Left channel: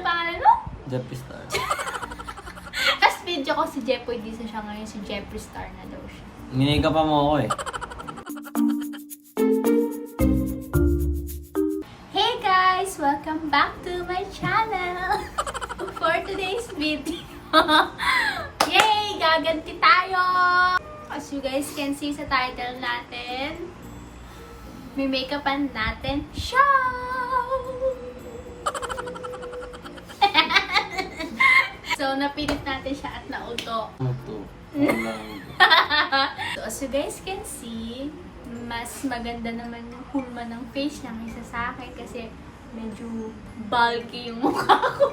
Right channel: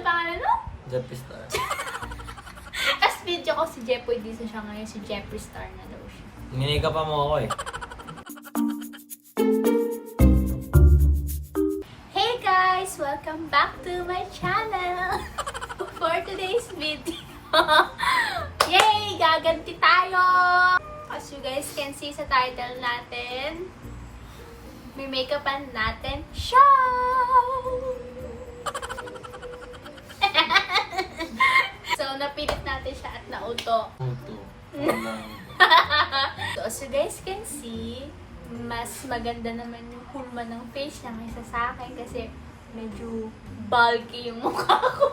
Ano pangalan mo? Jeffree Star. As video ko si Jeffoy Disa siya ngayon, si Jeffree Star na daw siya. Minika pa mo ako eh. Hey guys! Welcome back to my channel! For today's video, yay! Gaganti tayo! As you guys can see sa title natin, may make-upan natin show! So, napilit natin siya at nauto. Muto. So, as you guys can see, mas maganda naman yung hulma ng face niya kaysa sa akin kasi medyo bulky yung mukha ko.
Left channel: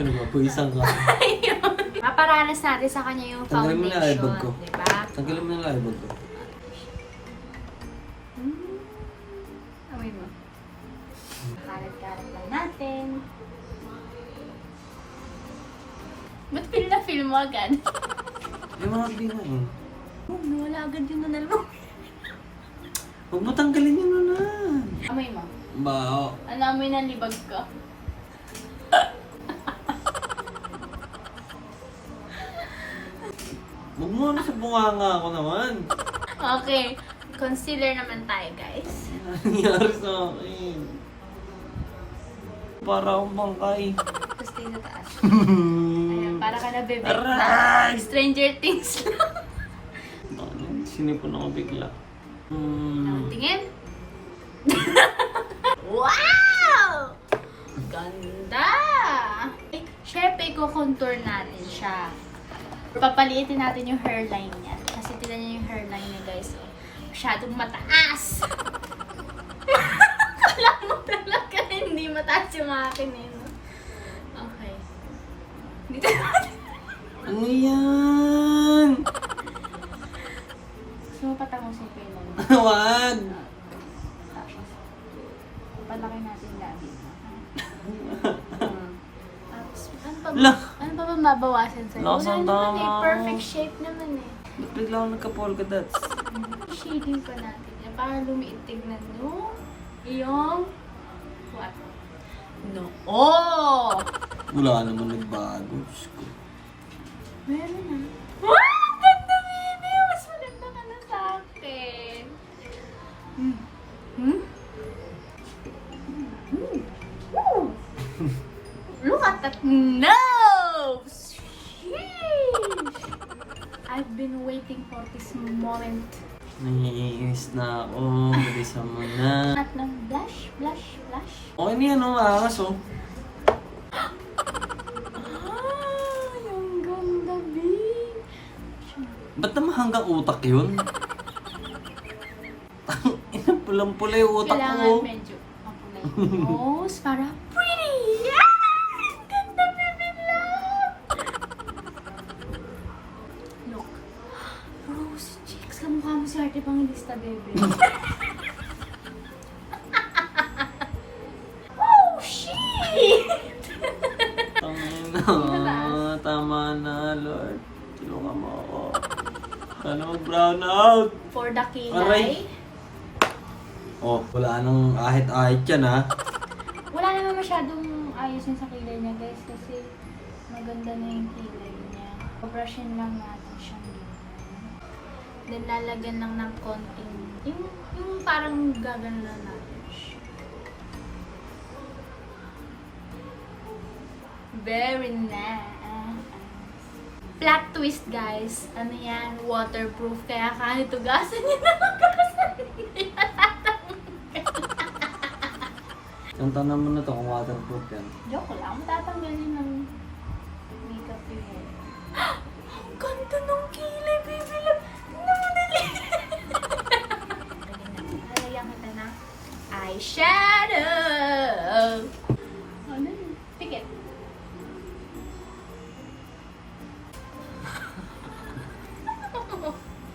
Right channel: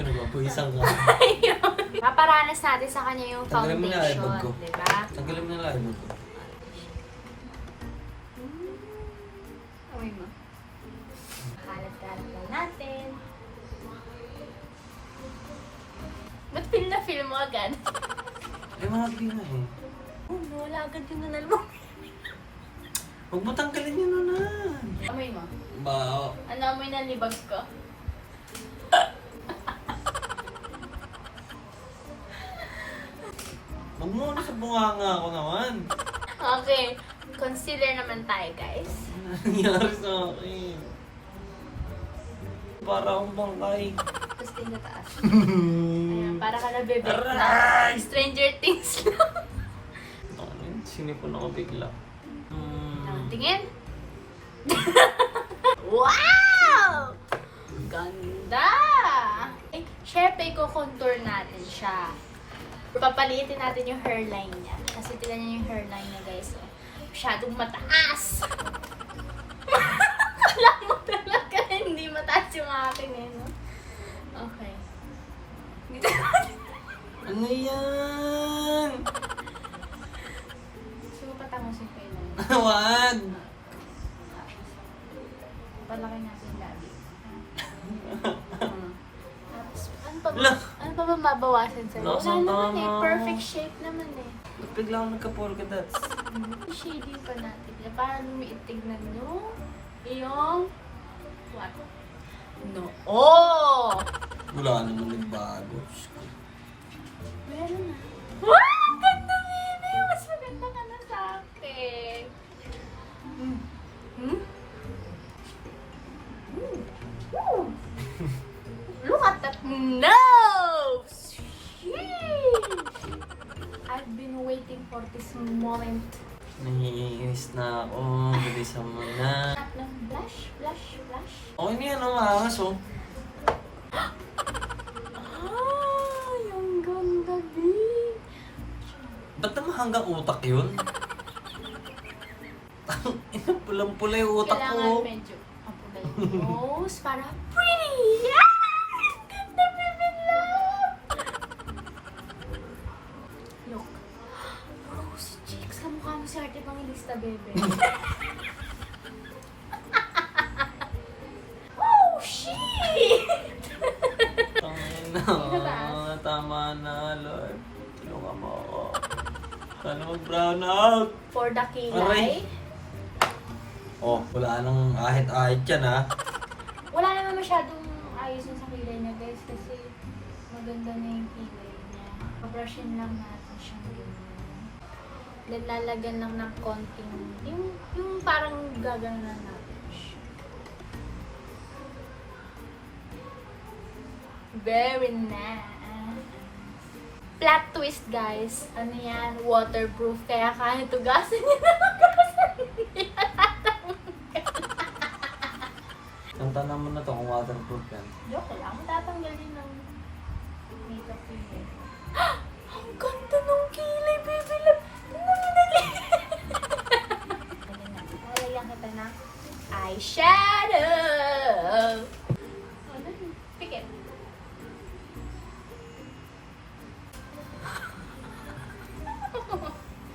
Sino ba? Puwisang ka. Ayun. Maparanas natin sa kanya yung Tanggalin mo na foundation, eyebag ko. diba? Tanggalin mo na eyebag ko. Amoy mo. Kalat-kalat lang natin. Ba't feel na feel mo agad? Eh, mga na eh. Oh, nawala agad yung nanal mo. Huwag mo tanggalin yun na. Amoy mo. Bao. Ano amoy ng libag ko? Huwag mo ano sa bunganga ako naman. Okay. Concealer naman tayo, guys. Ano nangyari sa akin? Para akong bangkay. Tapos tayo sa taas. Ayan, para ka nabibig na. Stranger Things lang. Sinipon ako bigla. Tingin. Wow! Ganda! Eh, syempre, i-contour natin siya. Papaliitin natin yung hairline niya. Kasi tignan niyo yung hairline niya, guys. Oh, masyadong mataas. Kala mo talaga hindi mataas yung akin eh, no? Okay. Dito natin. Ano yan? Gusto mo patangosin ko yung mga. Wag! Tapos, papalaki natin yung labi. Tapos, ano pa ba mabawasan sa'yo? Wala Lasang naman eh. tama. Perfect shape naman eh. Ba't bigla ako nagka-polka dots? Shading pa natin. Para lumiit, tignan nyo. Yung... What? No. Oh! Wala naman nagbago. Diyos ko. Meron na. Wow! Ganda, baby! Mas maganda ka na sa akin. Look at that nose! Sheesh! I've been waiting for this moment. Nangiinis na ako. Bilis naman na. At ng blush, blush, blush. Okay na yan, oh. Angas, oh. Ah, yung ganda, babe. Ba't naman hanggang utak yun? Pulang-pula yung utak Kailangan ko. medyo mapulay yung nose para pretty! Yeah! Ganda, baby love! Look. Rose cheeks. Kamukha mo si Ate Pangilista, bebe. Oh, shit! Tama na, Lord. Tulungan mo ako. Sana mag-brown out. For the kilay. Aray. Oh, wala nang ahit-ahit yan, ha? Wala naman masyadong ayusin sa kilay niya, guys, kasi maganda na yung kilay niya. Pabrushin lang natin siyang ganyan. Lalagyan lang ng konting, yung parang gagano lang natin siya. Very nice. Flat twist, guys. Ano yan? Waterproof. Kaya kahit tugasan niya na tugasan niya. Tantanan mo na to kung waterproof yan. Joke lang. Matatanggalin ng makeup yun. Ang ganda ng kilay, baby love. Tingnan mo dali. Lalagyan kita ng eyeshadow. Oh, dali. Pikit.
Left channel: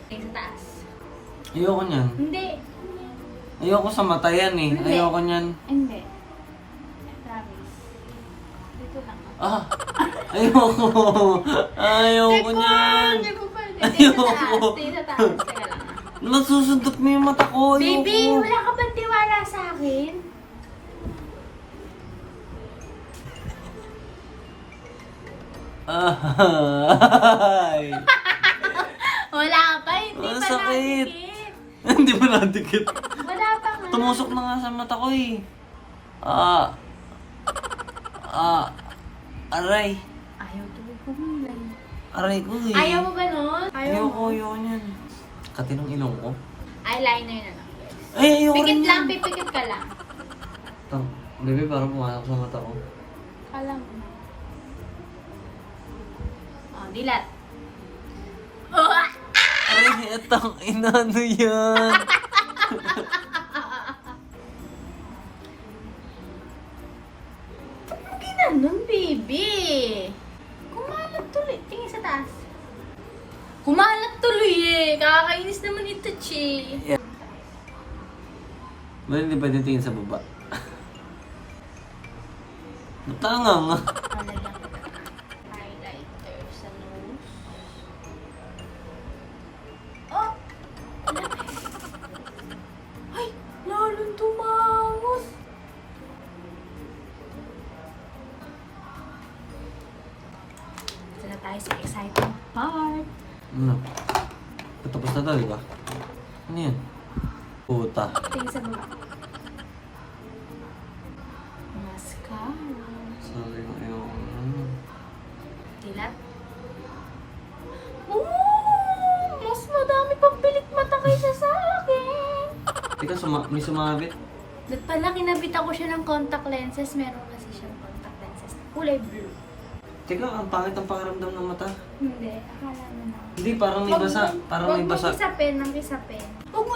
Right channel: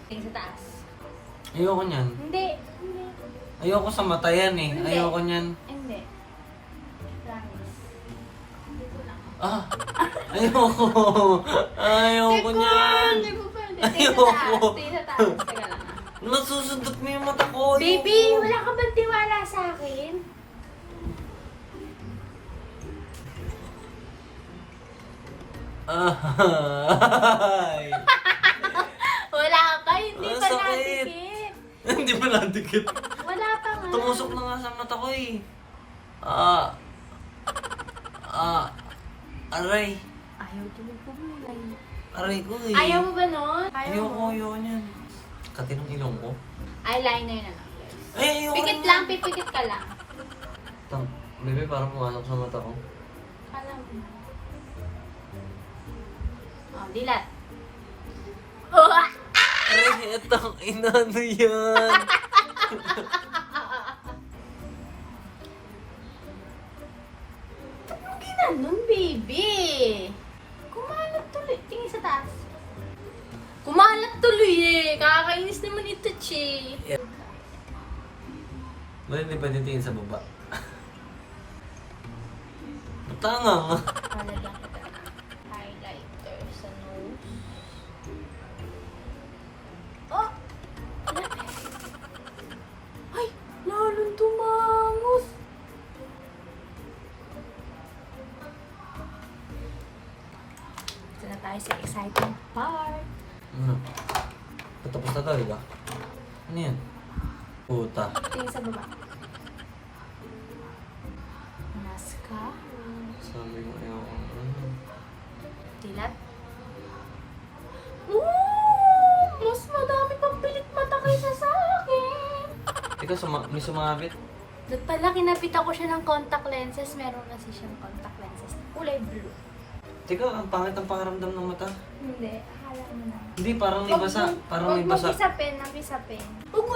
Sa taas. Ayoko niyan. Hindi. Hindi. Ayoko sa mata yan, eh. Hindi. Ayoko niyan. Hindi. Promise. Dito lang. Ah! Ayoko! Ayoko niyan! Hindi ko pa. Ayoko. Stay sa taas. Teka lang. Nasusundot mo yung mata ko. Ayoko. Baby, wala ka ba tiwala sa akin? Ay! Wala pa, hindi Ang pa sakit. nadikit. Hindi mo nadikit. Wala pa nga. Tumusok na nga sa mata ko eh. Aray. Ayaw tuloy kumilay. Aray ko eh. Ayaw mo ba nun? Ayoko yan. Katinong ilong ko. Eyeliner na lang. Ay, ayoko Pikit rin lang, yan. pipikit ka lang. Bebe, parang pumasok sa mata ko. Kala mo na. Oh, dilat. Oh! Aray, etang inano yan. Ano ginanong, baby? Kumalat tuloy. Tingin sa taas. Kumalat tuloy eh. Kakakainis naman ito, Chi. Well, hindi pwede tingin sa baba. Tanga nga. Lalagyan kita ng highlighter sa nose. Oh! Ay! Lalong tumangos! Ito na tayo sa exciting part. Ano? Patapos na daw, di ba? Ano yan? Puta. Tingin sa baba. Mascara. Sabi ko, ayoko. Ano? Dilat. Ooh! Mas madami pang pilik mata kaysa sa akin. Ikaw, may sumabit. Ba't pala kinabit ako siya ng contact lenses? Meron kasi siyang contact lenses. Kulay blue. Teka, ang pangit ang pakaramdam ng mata. Hindi, akala mo na. Hindi, parang may basa. Parang may basa. Huwag mo kisapin. Huwag mo.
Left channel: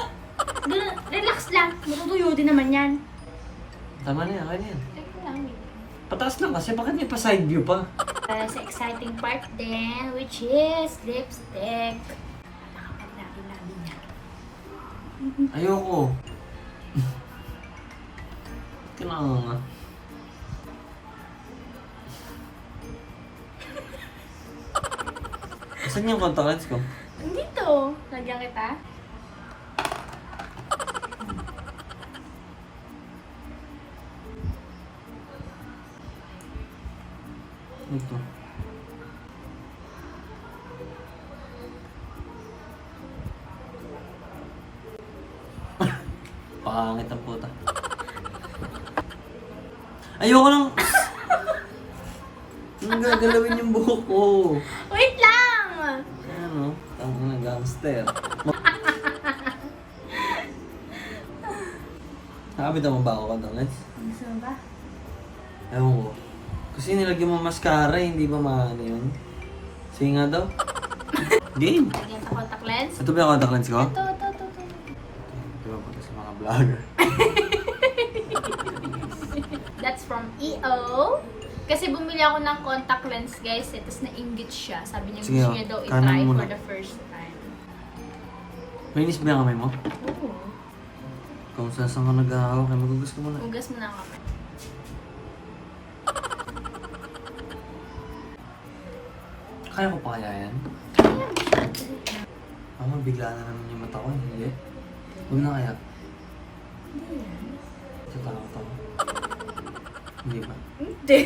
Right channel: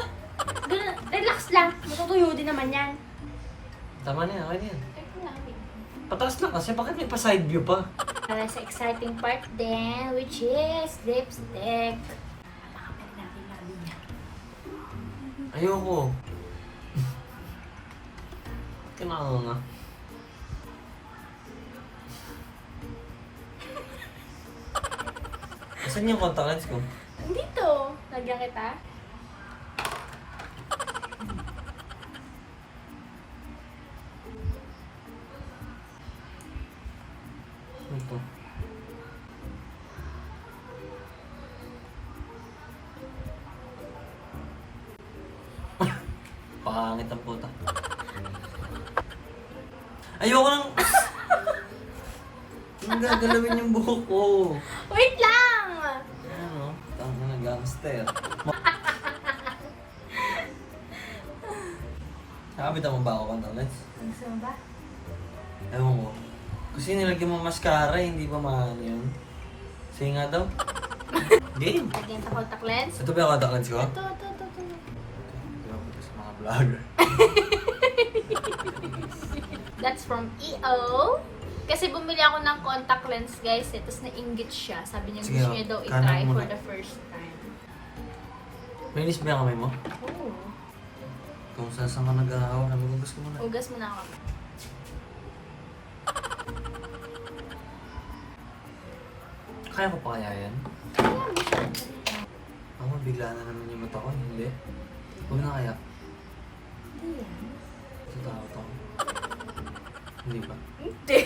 Relax lang. Matutuyo din naman yan. Tama na yan, kaya yan. Teka lang. Pataas lang kasi, bakit may pa-side view pa? Para sa exciting part din, which is lipstick. Napakapal natin niya. Ayoko. Kailangan nga. Saan yung contact lens ko? Dito. Lagyan kita. Ito. Pangit ang puta. Ayoko lang. Hindi gagalawin yung buhok ko. Wait lang! Ano? Tama na gangster. Nakabit mo ba ako contact lens? Gusto mo ba? Ewan ko. Kasi nilagyan mo mascara, hindi ba maano yun? Sige nga daw. Game! Lagyan sa contact lens. Ito ba yung contact lens ko? Ito. Di ba punta sa mga vlogger? That's from EO. Kasi bumili ako ng contact lens, guys. Tapos nainggit siya. Sabi niya Sige, gusto niya daw kanan i-try muna. for the first time. Linis ba yung kamay mo? Oo. Kung saan ka nag-aawa, magugas ka muna. Ugas mo na ako. Kaya ko pa kaya yan? Ako bigla na naman yung mata ko, hindi. Huwag na kaya. Hindi yan. Tatakot ako. Hindi ba? Hindi.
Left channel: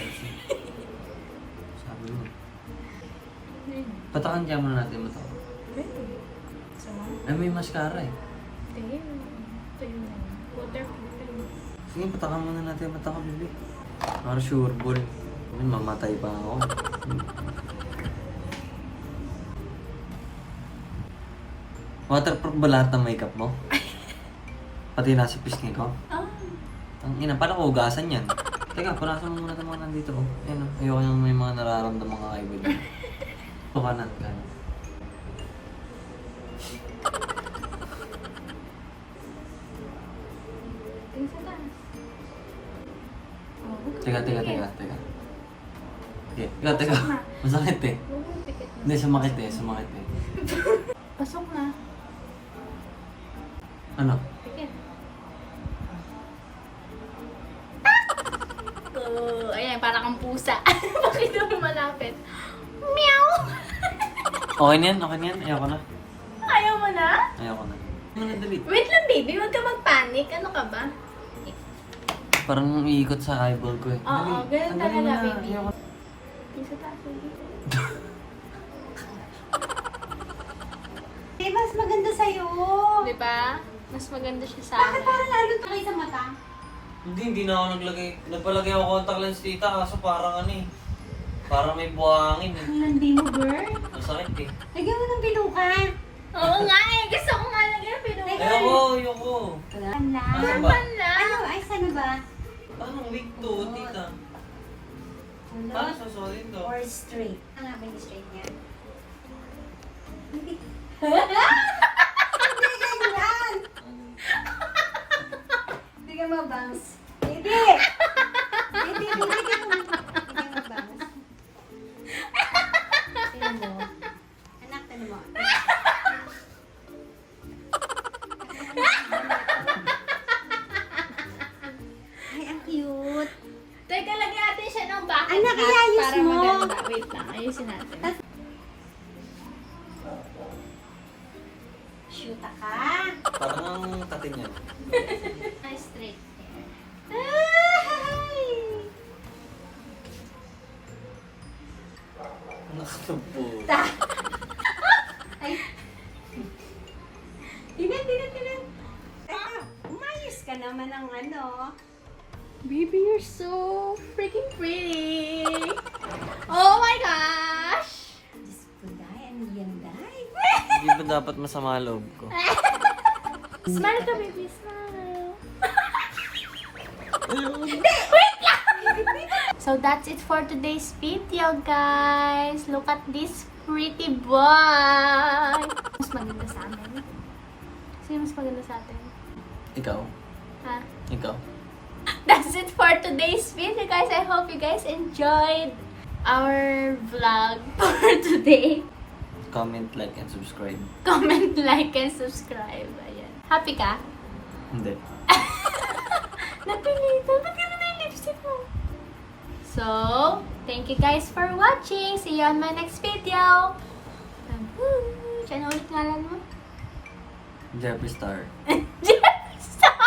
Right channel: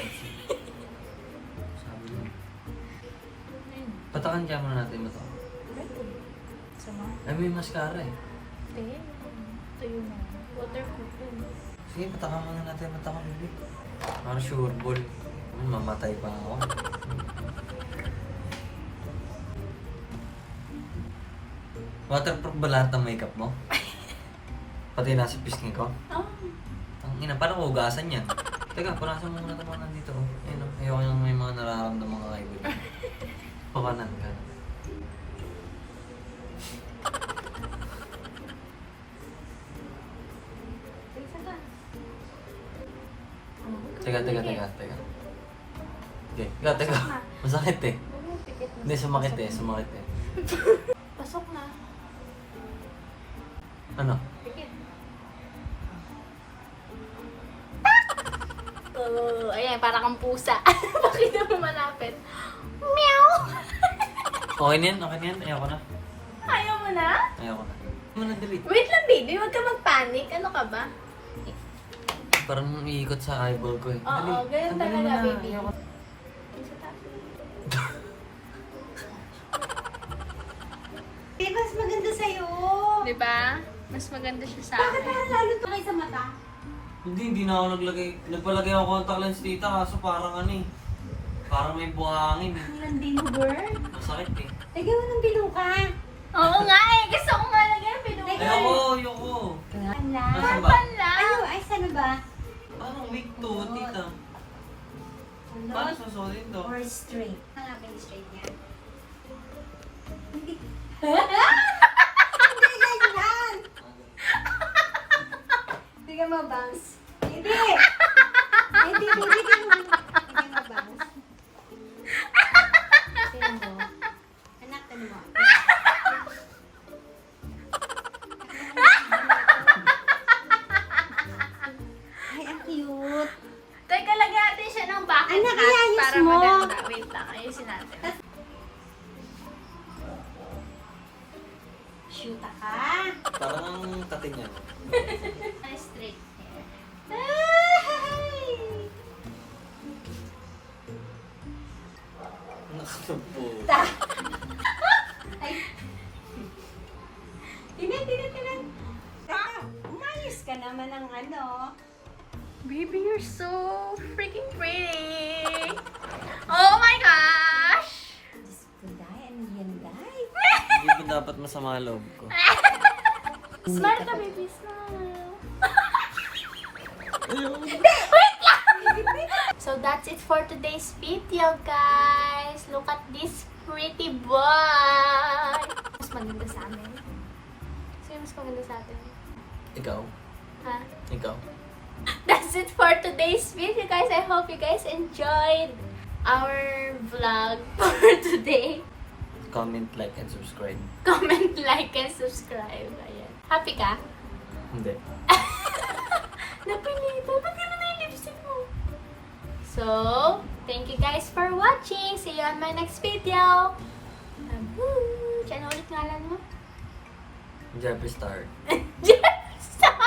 Sabi mo. Patakan kaya muna natin yung mata ko. Pwede. So, Ay, may mascara eh. pwede. Tayo na. Waterproof yun. Sige, patakan muna natin yung mata ko, bibi. Para sure ball. Mamatay pa ako. Waterproof ba lahat ng makeup mo? Pati nasa pisngi ko? Ah. Ang ina, paano ko hugasan yan? Teka, punasan mo muna ito mga nandito. Oh. Ayun, oh. Ayoko yung may mga nararamdaman mga kaibigan. Pakanan, kanan. Tingin sa taas. Oh, huwag ka Teka. pumikit. Teka. Masakit eh. Huwag mo pikit na. Hindi, sumakit eh. Pasok na. Ano? Pikit. Oh, ayan, para kang pusa. Bakit mo malapit? Meow! Okay na yan. Ayoko na. Ayaw mo na? Ayoko na. Ano na, dali. Wait lang, baby. Huwag ka mag-panic. Ano ka ba? Parang iikot sa eyeball ko eh. Oo, ganun Dali talaga, na. baby. Ayoko. Tingin sa taas, baby. Hindi, mas maganda sa'yo. Diba? Mas maganda siya sa Bakit akin. parang lalo tuloy sa mata? Hindi na ako naglagay. Nagpalagay ako contact lens tita, kaso parang ano eh. Parang may buhangin eh. Ang landi mo, Bert. Masakit eh. Lagyan mo ng biluka. Oo nga eh. Gusto ko nga lagyan ng pinuha. Ayoko. Wala. Asan ba? Wala. Ano? Ay, saan ba? Parang weak to, tita. Paano susulit to? Or straight. Hanapin yung straight niya. Hindi. Hindi ganyan! Hindi ka mabangs. Hindi! Hindi ka mabangs. Tignan mo. Anak, tanong mo. Ay, ang cute. Teka, lagyan natin siya ng bucket Anak, hat iayos para mo. maganda. Wait lang, ayusin natin. Shoota ka. Parang ang tatin yan. Ay, straight hair. Ay! Nakatupo. Ay. Tinan. Umayos ka naman ng ano. Baby, you're so freaking pretty. Oh my gosh! Diyos ko, Day. Ano yan, Day? Hindi ba dapat masama loob ko? Smile ka, baby. Smile. So that's it for today's video, guys. Look at this pretty boy. Mas maganda sa amin. Sino mas maganda sa atin? Ikaw? Ha? Ikaw? That's it for today's video, guys. I hope you guys enjoyed our vlog for today. Comment, like, and subscribe. Comment, like, and subscribe. Ayan. Happy ka? Hindi. Napilitan. Ba't gano'n na yung lipstick mo? So, thank you guys for watching. See you on my next video. Woo! Ano ulit ngalan mo? Jeffree Star. Star!